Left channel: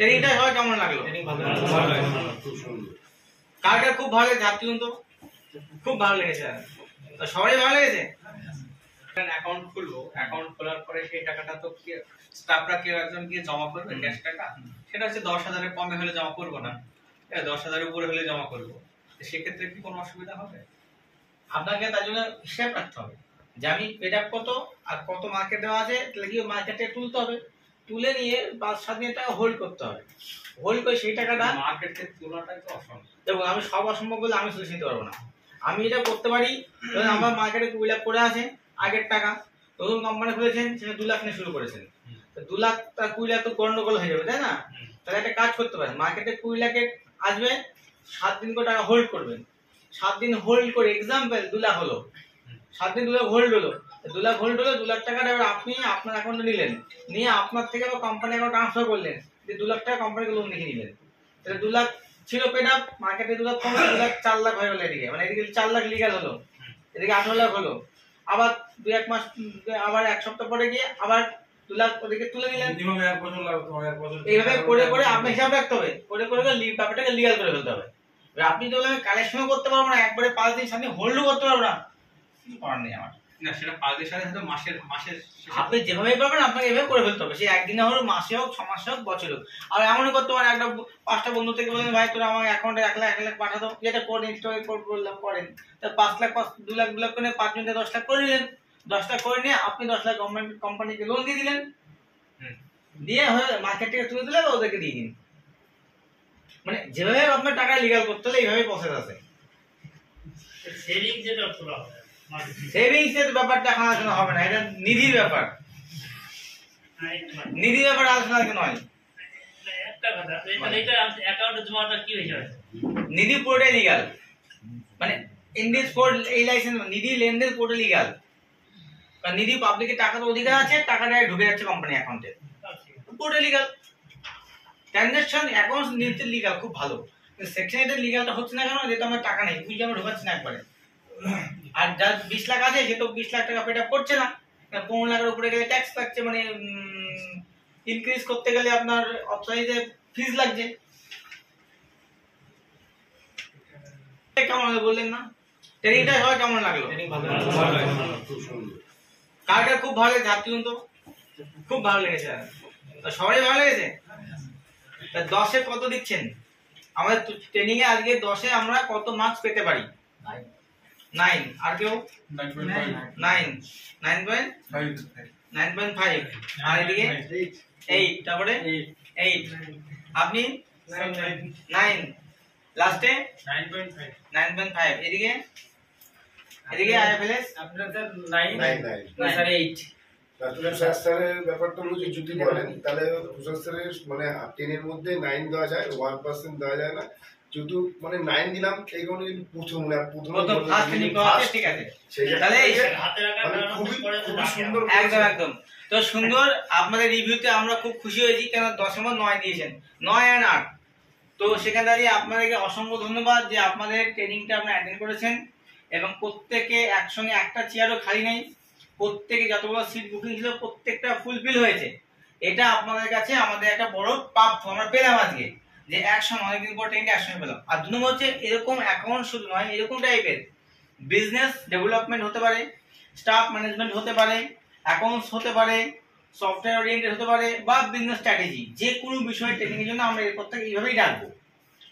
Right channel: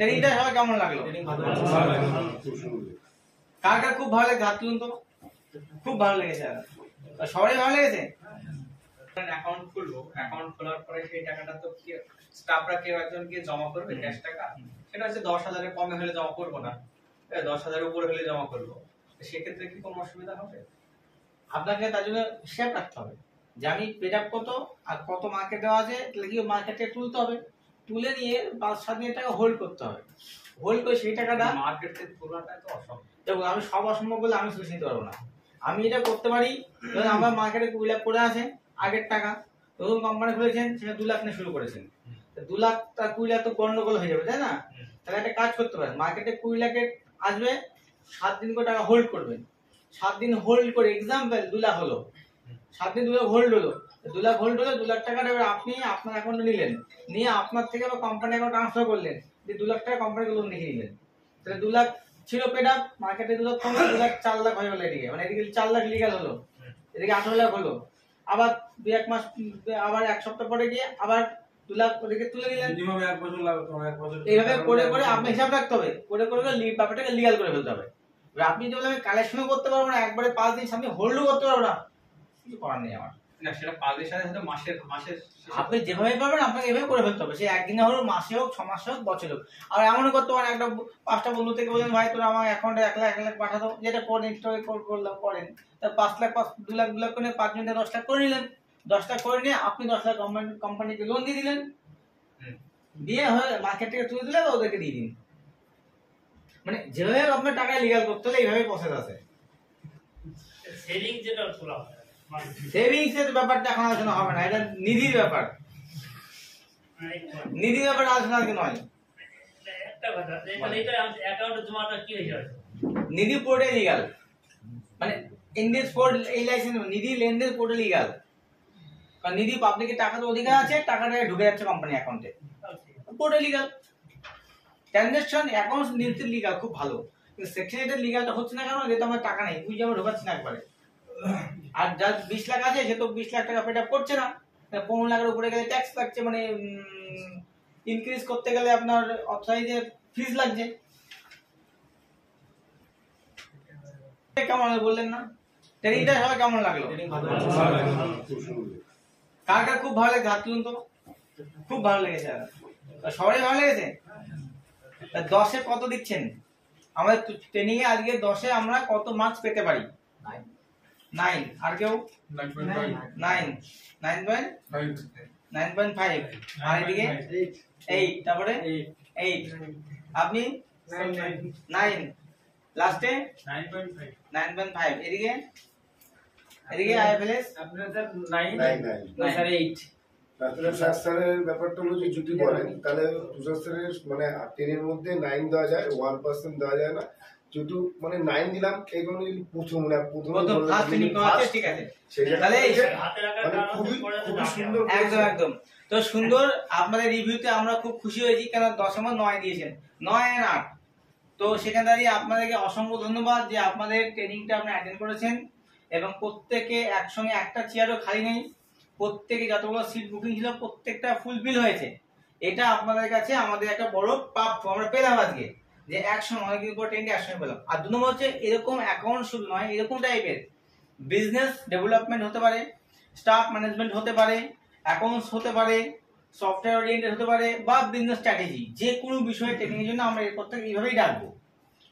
ট্রেনিংটা সবাই কেমন লাগলো? কার কার খুব ভালো লেগেছে? হাত তুলুন তো। খুব ভালো লেগেছে, সবারই ভালো লেগেছে। অ্যাকাউন্ট খুলবো, অ্যাকাউন্ট খোলার পরে সেই টাকাটা তো স্টাফরা কেউ একজন গিয়ে জমা করবে ক্যাশ টাকা, সেটা হচ্ছে 10,000-এর কমে হলে জমা করবো না, 10,000-এর উপরে হলে জমা করবো। সেক্ষেত্রে কি কোনো অসুবিধা হবে? আপনাকে তার জন্য হিসাব রাখতে হবে যে আমি পেড আপ কত আর কত মার্কেট দেওয়া আছে, তাহলে কি মার্কেটে তুলতে হবে, তুলে নিয়ে 5-7 দিন টাকা হোল্ড করতে হবে। হোল্ড করে সেই টাকাটা মার্কেটে তোলাটাই তো অসম্ভব। দেখুন, আমি সব অসম্ভব বলে আমি সলিউশন দিতে পারবো না। আমি এটা করতে পারি, ধরুন আমার মার্কেটে 2 লাখ করে আছে আগের টাকা, নতুন কোম্পানি খুলেছেন, সেটা 2 লাখ নিয়ে শুরু করেছেন, 2 লাখ তা 20 লাখ তো গন্ডগোল হয়ে যাবে, তাই না? তাহলে একটা কাজ করতে পারেন, মার্কেটে 20 লাখের আসবে, 7 দিন করে টাকা হোল্ড করবেন। 7 দিন হোল্ড করে এক্সাম্পল 2 লাখ হলো, 7 দিন 2 লাখ হোল্ড হলো, 2 লাখ হোল্ড হলো, 2 লাখ টাকাটা এবার আপনি আপনার অ্যাকাউন্টে নিলেন, নিয়ে আপনার থেকে আবার কোম্পানি অ্যাকাউন্ট ট্রান্সফার করলেন, যে 2 লাখ টাকা কোম্পানিকে লোন লিখে নিলেন। তাহলে 2 লাখ ছিল পেড আপ, মার্কেটে 2 লাখ কমে 2 লাখ 4 লাখ হয়ে গেল, এদিকে মানে এদিকে 4 লাখ লিগ্যাল হলো, এদিকে 18 লাখ হলো। আবার 2-1 মাস, আবার 1 সপ্তাহ পরে গিয়ে আবার 2 লাখ ওদিকে তুলে নিলেন। মিনিমাম 1 বছর লাগবে, 1 বছর এইভাবে করে করে আপনি হিসাব রাখতে হবে, করে করে ব্যাপারটাকে লিগ্যাল করে ফেলতে হবে। আপনি যদি বলেন কালেকশনও করতে পারবো না, একবারে 5 দিন সামনে হোল্ডও করতে পারবো না, কিছু করার নেই আমার। না, সেটা 5 দিনের সাথে হয়তো মাসের আপনি যেভাবে পারবেন আপনাকে এভাবে করে ফেলতে হবে। সে একদিনে হোক, মাসে হোক, 6 মাসে হোক, বছরে হোক। আর এমনও করতে পারেন, একটা 5টা বন্ধু থেকে বলেন ভাই তোরা আমার অ্যাকাউন্টে 1 লাখ পাঠা দাও, যেটা করে ইনস্টল করলাম করেন, তার 5 লাখ 2 লাখ 2 লাখ করে 5 জন থেকে 10 লাখ করে নিলেন, 10 লাখ করে নিয়ে আপনি 10 লাখ কোম্পানিকে লোন দিয়ে দিলেন, দিয়ে হয়ে মার্কেট থেকে তুলে দিলে বা ওদেরকে দিয়ে দিন। মানে যেভাবে আপনার টাকা লিগ্যাল করতে হলে এইভাবে প্রসেস আছে। সেভিং যেটা তোলা হয়, সেভিংস এর ব্যাপারটা এখন আলোচনা হবে না, এটা নিধির ব্যাপার, নিধির ব্যাপার আলোচনা নয়। একটা কথা, এটা অ্যাকাউন্টে জমাটা কি হয়ে যাবে? নিধি পুরোটাই লিগ্যাল, মানে ইন্ডিয়াস ফোর্ড এই লাইসেন্স নিধি লেনদেন পুরোটা লিগ্যাল, কারণ নিধি পাবলিকের টাকা তো অধিকার আছে, টাকাটা ঢুকে যাচ্ছে কোম্পানি অ্যাকাউন্টে, পুরোটা লিগ্যাল। ট্রানজাকশন অ্যাকাউন্টস নিতে লিগ্যাল, খুব ভালো, কিন্তু সেকশন এটা লিগ্যালটা হচ্ছে না কেন? যেহেতু আমার টাকা নেই, বুঝে আমরা ঢোকাচ্ছি না একবারে। আর যার 20 লাখ আছে সে তো 20 লাখ টাকা পেড আপ করছে না, 15 লাখের উপরে গেলে ট্যাক্স লাগছে, মানে ইনক্রিজ করতে গেলে আপনার অথরাইজে ফিজ লাগছে। কেমন বললেন না? ট্রেনিংটা সবাই কেমন লাগলো? কার কার খুব ভালো লেগেছে? হাত তুলুন তো। খুব ভালো লেগেছে, সবারই ভালো লেগেছে। 10-এ কত দিচ্ছেন? আমাদের ট্রেনিং এ আজকে 10-এ আমরা কত মার্কস পেতে পারি? 9। আর কেউ? 9.5। আর এদিকে 8, তারপরে 8। আপনি 9, লাস্টে 9.5। এদিকে আইএফএলএস আপনারা স্যার 9 স্যার 8। আসলে স্যারের ব্যাপারটা হলো যে যদি বলেন তাহলে স্যারের মানে 10 এর মধ্যে 9 দেওয়া যায়, 1% দেওয়া যায় না, যেহেতু মানে 9 দিলাম এই কারণে যদি প্রথম ঠিক আছে, তাহলে হাতে রাখার খুবই সুন্দর, একদম তো সুন্দর। আপনাদের রিভিউতে আমরা খুব খুশি হয়েছি, কেন 10-9 দিয়েছেন, 9 আর 8। তো সেখানে দাঁড়িয়ে আপনাদেরকে অসংখ্য ধন্যবাদ যে আপনাদের ট্রেনিংটা আপনারা অ্যাটেন্ড করেছেন, এবং প্রত্যেকে একসঙ্গে একটা চেয়ারও খালি নেই, প্রত্যেকে যতগুলো সিট বুকিং ছিল প্রত্যেকটা ফুলফিল হয়েছে। এটা আপনাদের কাছে আমাদের একটা বড় প্রাপ্য আমরা পেলাম আজকে, যে একসঙ্গে অনেকদিন পর ট্রেনিংটা একসঙ্গে পেলাম। আর 2 নম্বর হচ্ছে এরকম অ্যাকাউন্ট শুধু নয়, এরকম টাইপের বিজনেস ডেভেলপমেন্ট হতে পারে, স্টাফ ম্যানেজমেন্ট হতে পারে, অ্যাকাউন্টস হতে পারে, সফটওয়্যার ওরিয়েন্টেড হতে পারে, বা বিজনেস স্ট্র্যাটেজি, যে কোনো বিষয়ে ট্রেনিং এর জন্য আমরা এরপর থেকে এইভাবেই ডাকবো।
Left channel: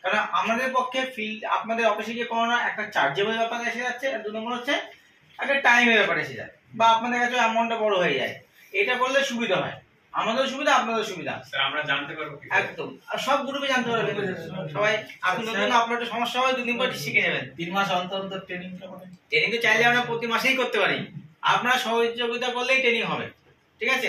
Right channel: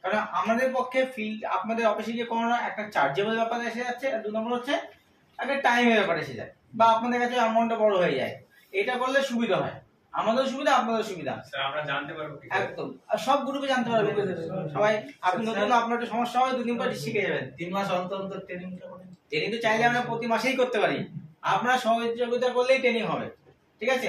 কারণ আমাদের পক্ষে ফিল্ড আপনাদের অফিসে গিয়ে কোনো একটা চার্জেবল ব্যাপার এসে যাচ্ছে, আর 2 নম্বর হচ্ছে একটা টাইমের ব্যাপার এসে যায়, বা আপনাদের কাছে অ্যামাউন্টটা বড় হয়ে যায়। এটা করলে সুবিধা হয়, আমাদেরও সুবিধা, আপনাদেরও সুবিধা। স্যার আমরা জানতে পারবো কি? একদম, আর সব গ্রুপে জানতে পারবেন সবাই। আপনি নতুন, আপনার একটু সমস্যা হয় 2 দিন পর শিখে যাবেন। 3 মাস অন্তর ট্রেনিং ট্রেনিং তো চাইলে আমরা প্রতি মাসেই করতে পারি, আপনারা সহযোগিতা করলেই ট্রেনিং হবে, ঠিক আছে।